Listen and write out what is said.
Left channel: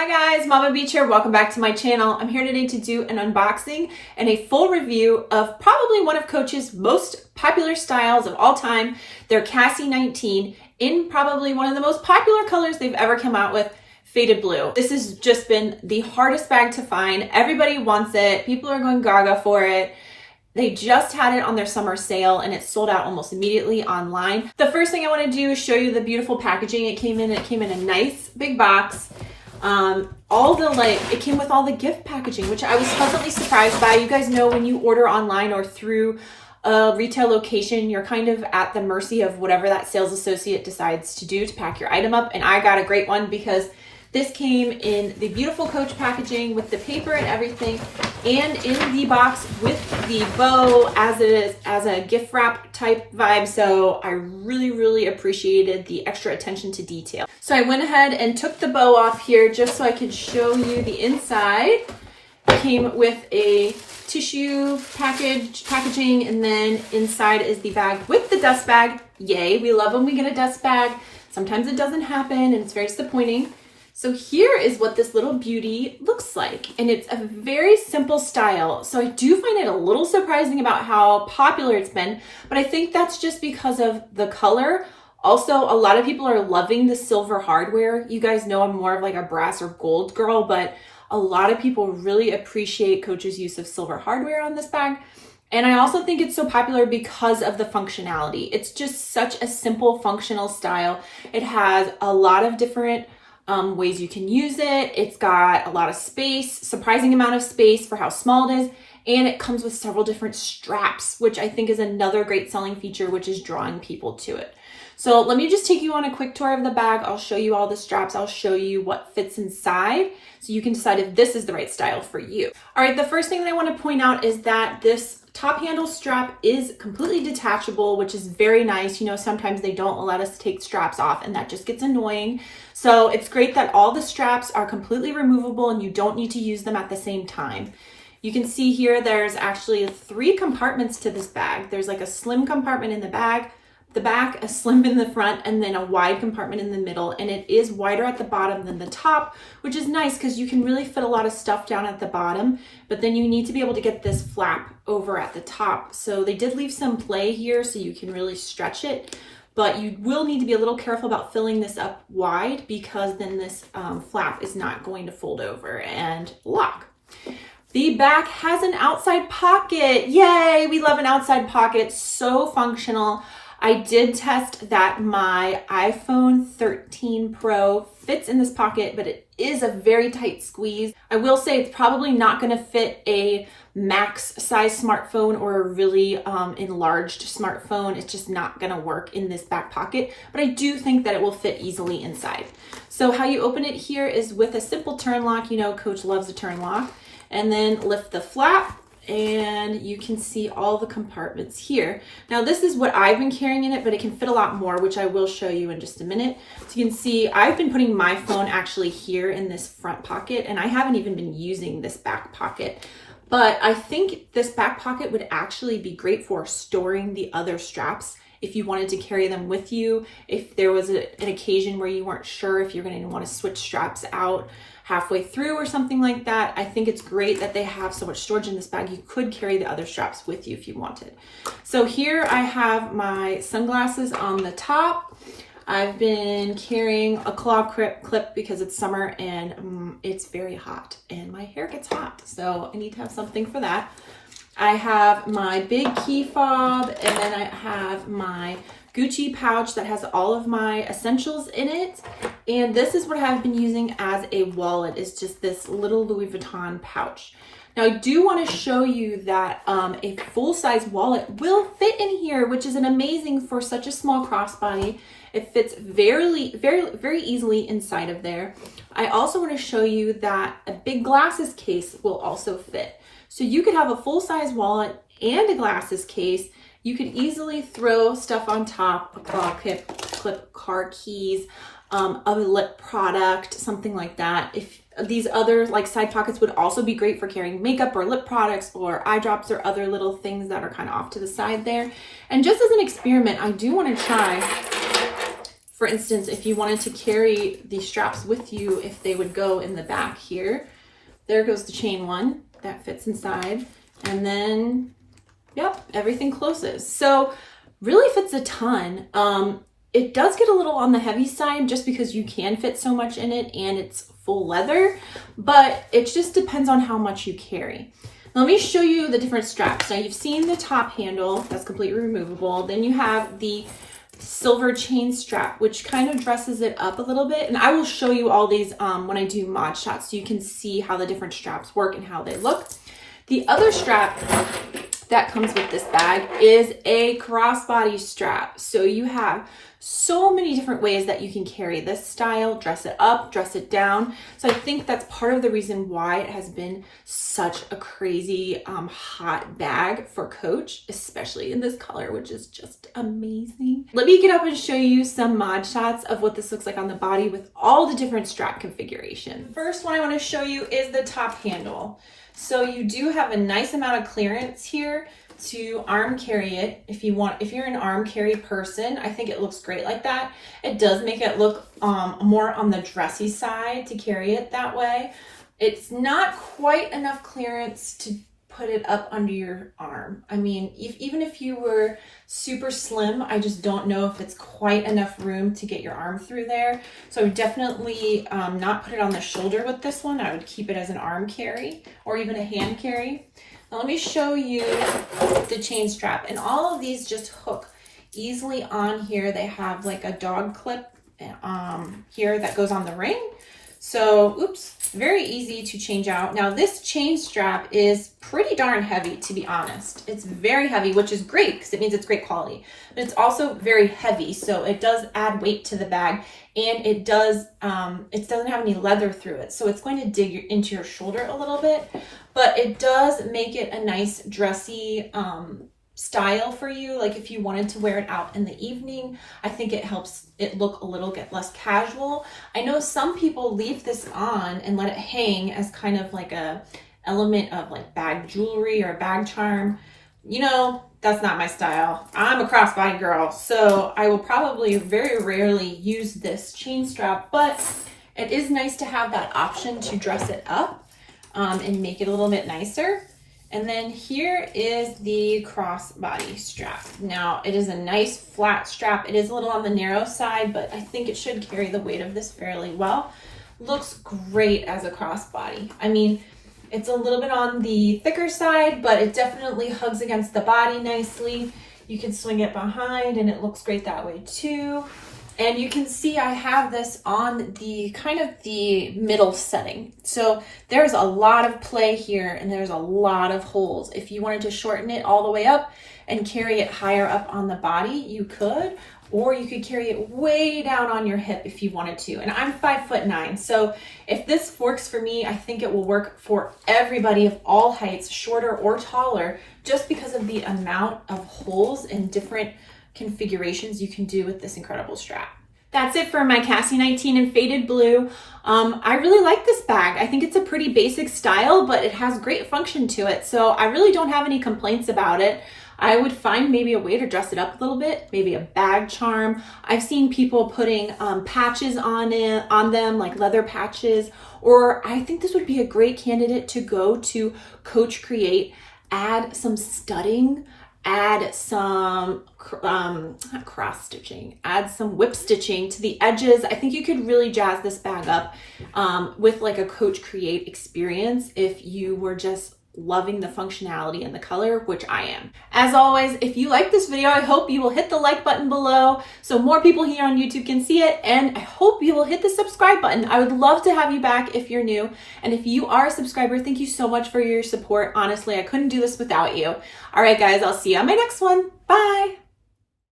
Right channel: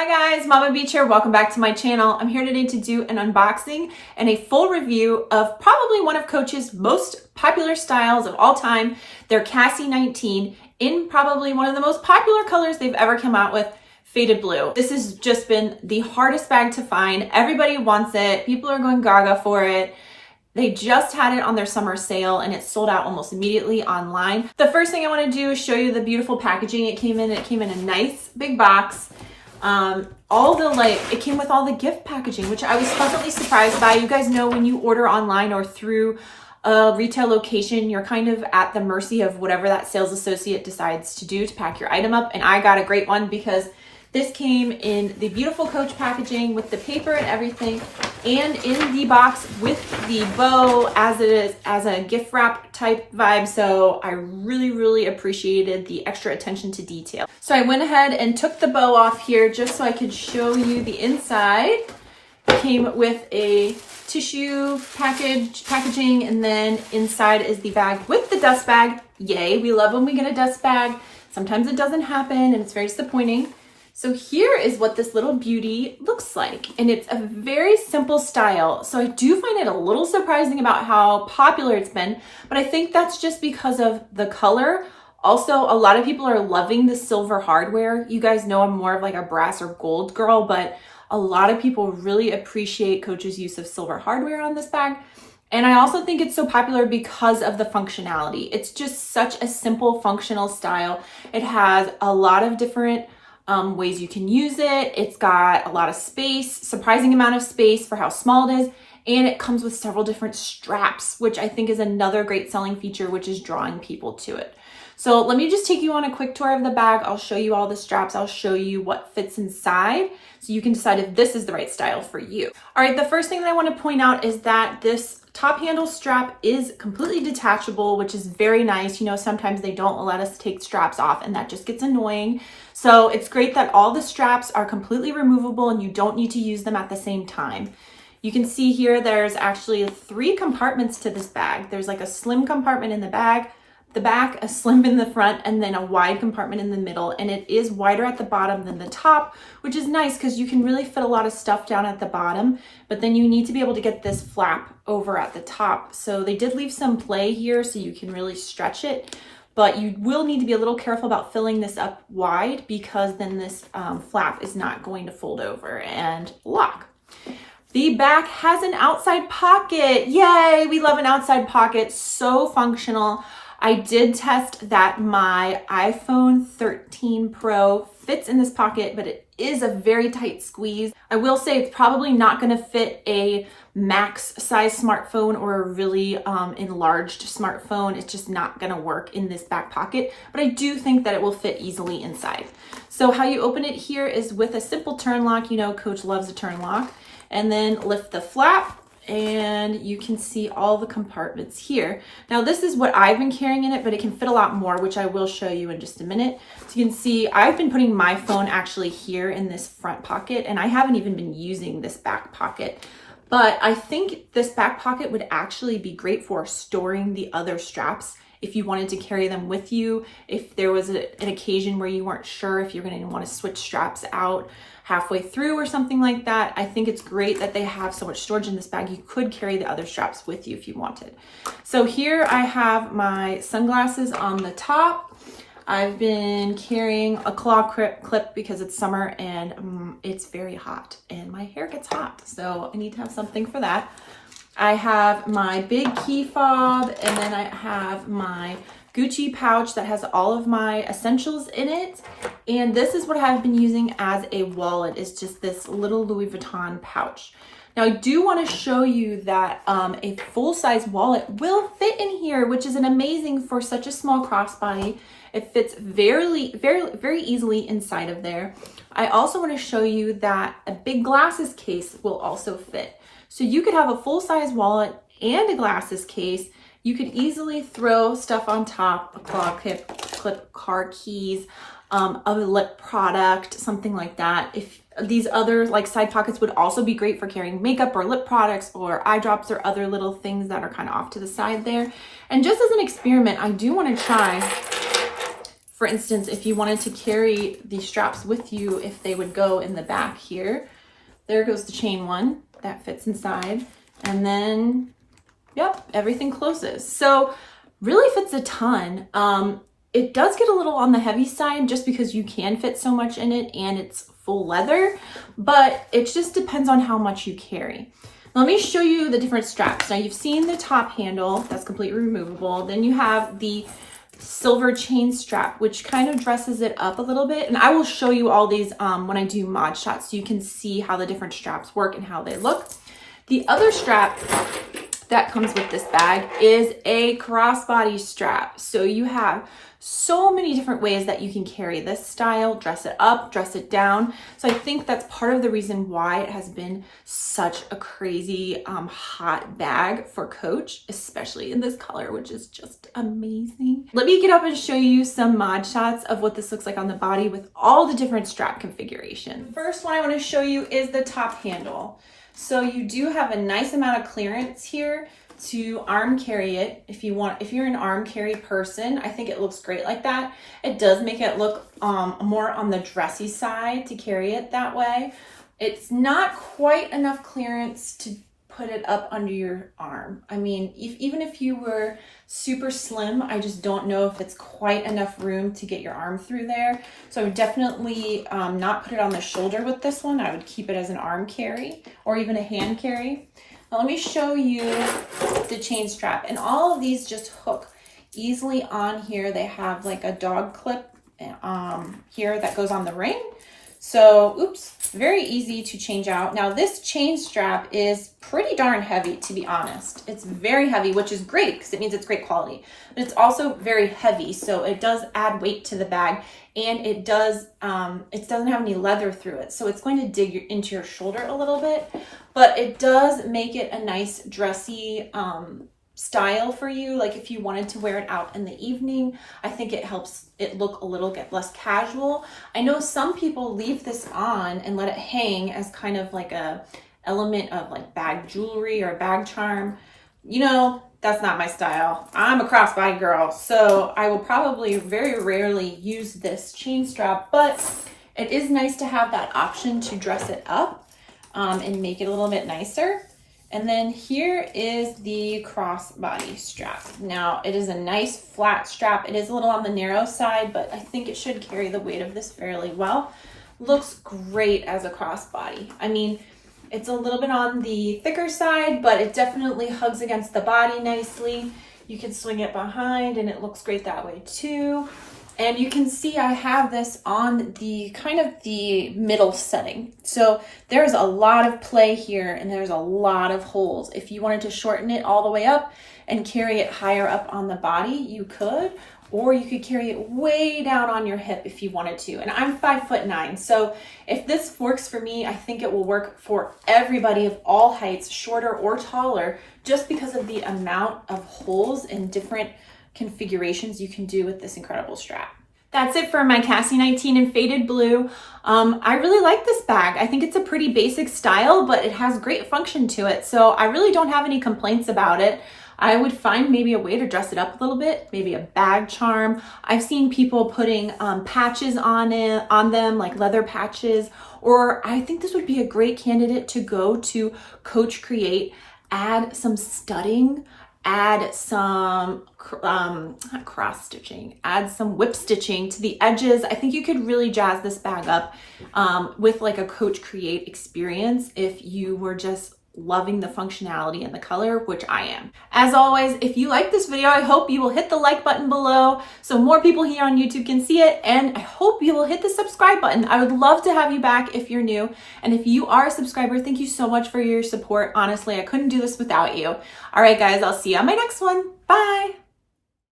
Hi guys, Mama Beach here. Welcome back to my channel. I'm here today to do an unboxing and a full review of probably one of Coach's most popular styles of all time, their Cassie 19, in probably one of the most popular colors they've ever come out with, faded blue. This has just been the hardest bag to find. Everybody wants it. People are going gaga for it. They just had it on their summer sale and it sold out almost immediately online. The first thing I want to do is show you the beautiful packaging it came in. It came in a nice big box. It came with all the gift packaging, which I was pleasantly surprised by. You guys know when you order online or through a retail location, you're kind of at the mercy of whatever that sales associate decides to do to pack your item up. And I got a great one because this came in the beautiful Coach packaging with the paper and everything, and in the box with the bow as it is as a gift wrap type vibe. So I really appreciated the extra attention to detail. So I went ahead and took the bow off here just so I could show you the inside. It came with a tissue packaging, and then inside is the bag with the dust bag. Yay, we love when we get a dust bag. Sometimes it doesn't happen and it's very disappointing. So here is what this little beauty looks like, and it's a very simple style. So I do find it a little surprising about how popular it's been, but I think that's just because of the color. Also, a lot of people are loving the silver hardware. You guys know I'm more of like a brass or gold girl, but a lot of people really appreciate Coach's use of silver hardware on this bag. And I also think it's so popular because of the functionality. It's just such a simple functional style. It has a lot of different ways you can use it. It's got a lot of space, surprising amount of space for how small it is. And it comes with several different straps, which I think is another great selling feature, which is drawing people to it. So let me just take you on a quick tour of the bag. I'll show you all the straps. I'll show you what fits inside so you can decide if this is the right style for you. All right, the first thing that I want to point out is that this top handle strap is completely detachable, which is very nice. You know, sometimes they don't let us take straps off and that just gets annoying. So it's great that all the straps are completely removable and you don't need to use them at the same time. You can see here there's actually 3 compartments to this bag. There's like a slim compartment in the back, a slim in the front, and then a wide compartment in the middle. And it is wider at the bottom than the top, which is nice because you can really fit a lot of stuff down at the bottom, but then you need to be able to get this flap over at the top. So they did leave some play here so you can really stretch it, but you will need to be a little careful about filling this up wide because then this flap is not going to fold over and lock. The back has an outside pocket. Yay, we love an outside pocket, so functional. I did test that my iPhone 13 Pro fits in this pocket, but it is a very tight squeeze. I will say it's probably not going to fit a max size smartphone or a really enlarged smartphone. It's just not going to work in this back pocket, but I do think that it will fit easily inside. So how you open it here is with a simple turn lock. You know, Coach loves a turn lock. And then lift the flap, and you can see all the compartments here. Now this is what I've been carrying in it, but it can fit a lot more, which I will show you in just a minute. So you can see I've been putting my phone actually here in this front pocket, and I haven't even been using this back pocket. But I think this back pocket would actually be great for storing the other straps if you wanted to carry them with you, if there was an occasion where you weren't sure if you're going to want to switch straps out halfway through or something like that. I think it's great that they have so much storage in this bag. You could carry the other straps with you if you wanted. So here I have my sunglasses on the top. I've been carrying a claw clip because it's summer and it's very hot and my hair gets hot. So I need to have something for that. I have my big key fob, and then I have my Gucci pouch that has all of my essentials in it. And this is what I've been using as a wallet. It's just this little Louis Vuitton pouch. Now I do want to show you that a full-size wallet will fit in here, which is an amazing for such a small crossbody. It fits very easily inside of there. I also want to show you that a big glasses case will also fit. So you could have a full-size wallet and a glasses case. You could easily throw stuff on top, a claw clip, car keys, a lip product, something like that. If these other like side pockets would also be great for carrying makeup or lip products or eye drops or other little things that are kind of off to the side there. And just as an experiment, I do want to try For instance, if you wanted to carry these straps with you, if they would go in the back here, there goes the chain one that fits inside. And then, yep, everything closes. So really fits a ton. It does get a little on the heavy side just because you can fit so much in it and it's full leather, but it just depends on how much you carry. Now, let me show you the different straps. Now, you've seen the top handle, that's completely removable. Then you have the silver chain strap, which kind of dresses it up a little bit. And I will show you all these when I do mod shots so you can see how the different straps work and how they look. The other strap that comes with this bag is a crossbody strap. So you have so many different ways that you can carry this style, dress it up, dress it down. So I think that's part of the reason why it has been such a crazy hot bag for Coach, especially in this color, which is just amazing. Let me get up and show you some mod shots of what this looks like on the body with all the different strap configurations. First one I want to show you is the top handle. So you do have a nice amount of clearance here to arm carry it. If you're an arm carry person, I think it looks great like that. It does make it look more on the dressy side to carry it that way. It's not quite enough clearance to put it up under your arm. I mean, even if you were super slim, I just don't know if it's quite enough room to get your arm through there. So I would definitely not put it on the shoulder with this one. I would keep it as an arm carry or even a hand carry. Now let me show you the chain strap, and all of these just hook easily on here. They have like a dog clip here that goes on the ring. So, oops, very easy to change out. Now this chain strap is pretty darn heavy, to be honest. It's very heavy, which is great because it means it's great quality, but it's also very heavy. So it does add weight to the bag, and it doesn't have any leather through it. So it's going to dig into your shoulder a little bit, but it does make it a nice dressy style for you. Like if you wanted to wear it out in the evening, I think it helps it look a little bit less casual. I know some people leave this on and let it hang as kind of like a element of like bag jewelry or a bag charm. You know, that's not my style. I'm a crossbody girl, so I will probably very rarely use this chain strap, but it is nice to have that option to dress it up and make it a little bit nicer. And then here is the crossbody strap. Now it is a nice flat strap. It is a little on the narrow side, but I think it should carry the weight of this fairly well. Looks great as a crossbody. I mean, it's a little bit on the thicker side, but it definitely hugs against the body nicely. You can swing it behind and it looks great that way too. And you can see I have this on the kind of the middle setting. So there's a lot of play here and there's a lot of holes. If you wanted to shorten it all the way up and carry it higher up on the body, you could, or you could carry it way down on your hip if you wanted to. And I'm 5'9", so if this works for me, I think it will work for everybody of all heights, shorter or taller, just because of the amount of holes and different configurations you can do with this incredible strap. That's it for my Cassie 19 in faded blue. I really like this bag. I think it's a pretty basic style, but it has great function to it. So I really don't have any complaints about it. I would find maybe a way to dress it up a little bit, maybe a bag charm. I've seen people putting patches on them, like leather patches, or I think this would be a great candidate to go to Coach Create, add some studding, add some not cross stitching, add some whip stitching to the edges. I think you could really jazz this bag up with like a Coach Create experience if you were just loving the functionality and the color, which I am. As always, if you like this video, I hope you will hit the like button below so more people here on YouTube can see it, and I hope you will hit the subscribe button. I would love to have you back if you're new, and if you are a subscriber, thank you so much for your support. Honestly, I couldn't do this without you. All right, guys, I'll see you on my next one. Bye.